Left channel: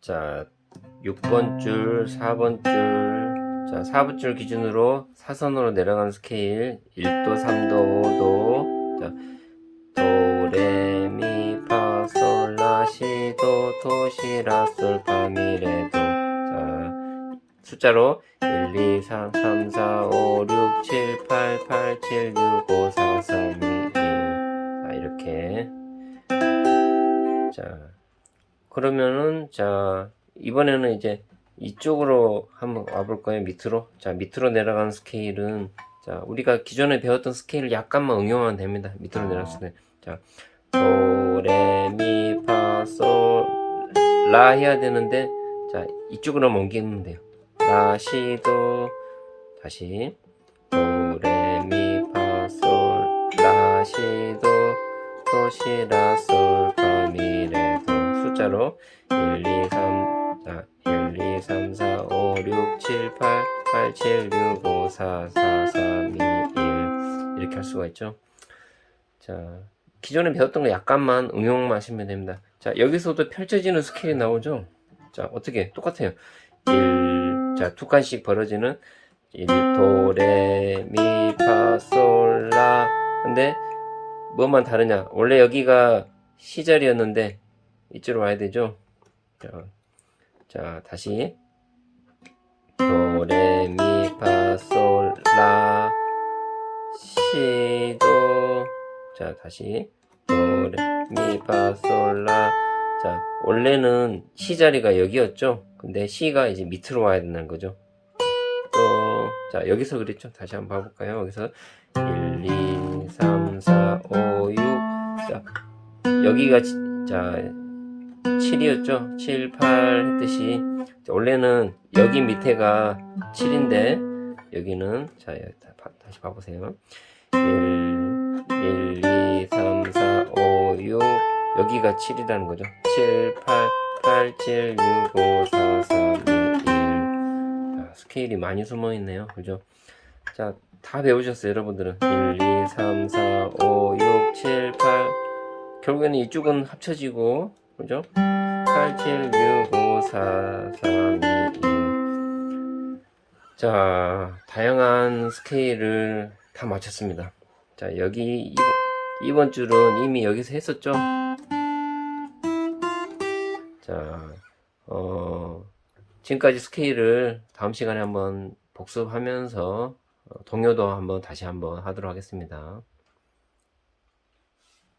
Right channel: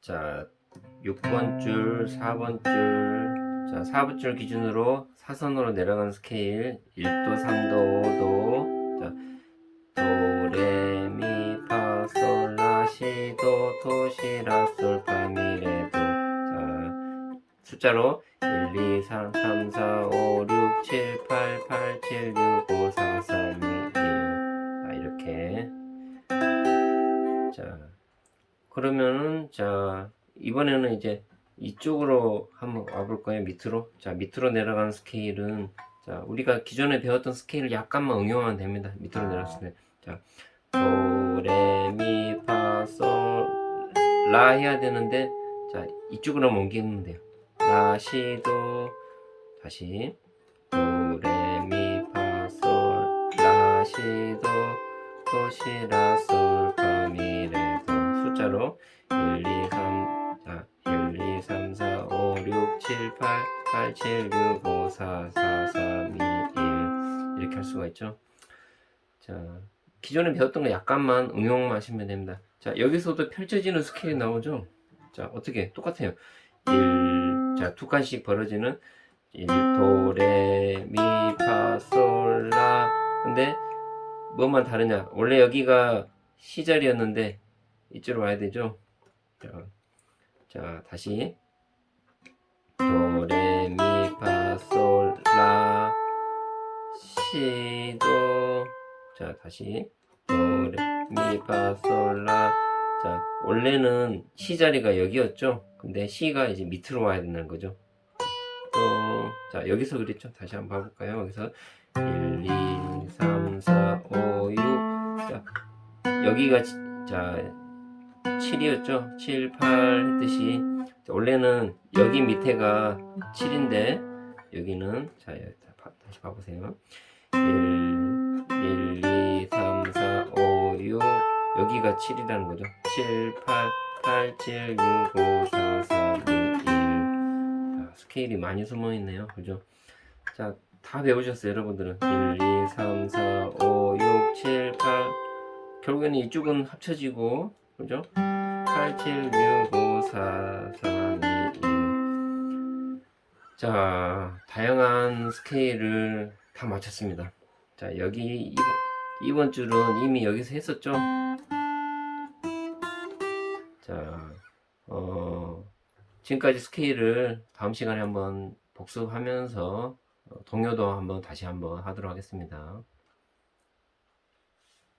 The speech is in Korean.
자, 6번 줄, 4번 줄, 자, 4번 줄 기준으로 사선으로 내려가는 스케일 1도, 3도, 5도, 자, 도, 레, 미, 파, 솔, 라, 시, 도, 토, 시, 라, 솔, 파, 미, 레, 도. 자, 숫자로 1, 2, 3, 3, 4, 5, 6, 7, 8, 8, 7, 6, 5, 4, 3, 2, 1. 자, 이렇게. 자, 그러면은, 자, 이번에는 이제 이쪽으로 한번 와볼 거예요. 밑으로. 자, 밑으로 내려가는 스케일은, 자, 우리가 기존에 배웠던 스케일을 약간만 응용하면 됩니다. 밑으로 내려갔을 때. 자, 도, 레, 미, 파, 솔, 라 해야 되는데, 자, 이쪽으로 옮기면 돼요. 라, 시, 도, 다시. 도, 레, 미, 파, 솔, 라, 시, 도, 도, 시, 라, 솔, 파, 미, 레, 도. 숫자로 1, 2, 3, 자, 1, 2, 3, 4, 5, 6, 7, 8, 8, 7, 6, 5, 4, 4, 3, 2, 1. 이렇게 할 수가 있죠. 자, 기존에 배웠던 거 약간만 응용만 하시면 됩니다. 자, 여기서도 펼쳐지는 스케일이 나오죠? 자, 어떻게? 똑같아요. 1, 자, 두 칸씩 벌어지는 1, 도, 레, 미, 파, 솔, 라. 근데 뭐만 다르냐? 원래 여기가 시 자리였는데 이쪽으로 와야 되죠? 자, 자 다시 도, 레, 미, 파, 솔, 라, 시, 도. 자, 다시 도, 레, 미, 파, 솔, 라. 자, 원래는 시 자리가 여기였죠? 근데 시가 이제 밑으로 와야 된다는 거죠. 또, 자, 여기서 그랬죠? 다시 한번 봐볼까요? 여기서 1, 2, 3, 4, 5, 6. 자, 여기가, 지- 자, 7이었죠? 7, 8 했듯이. 자, 원래는 여기 밑에가 7인데, 여기는, 자, 다시 봐보세요. 1, 1, 2, 3, 4, 5, 6. 여기가 7이라는 거죠. 7, 8, 8, 7, 6, 5, 4, 3, 2, 1. 자, 스케일이 많이 숨어 있네요. 그죠? 자, 다 배우셨어요, 여러분들은. 1, 2, 3, 4, 5, 6, 7, 8. 결국에는 이쪽은 합쳐지고, 그죠? 8, 7, 6, 5, 4, 3, 2, 1. 자, 다양한 스케일을 다 맞췄습니다. 자, 여기 2번, 2번 줄은 이미 여기서 했었죠? 자, 어, 지금까지 스케일을 다음 시간에 한번 복습하면서 어, 동요도 한번 다시 한번 하도록 하겠습니다.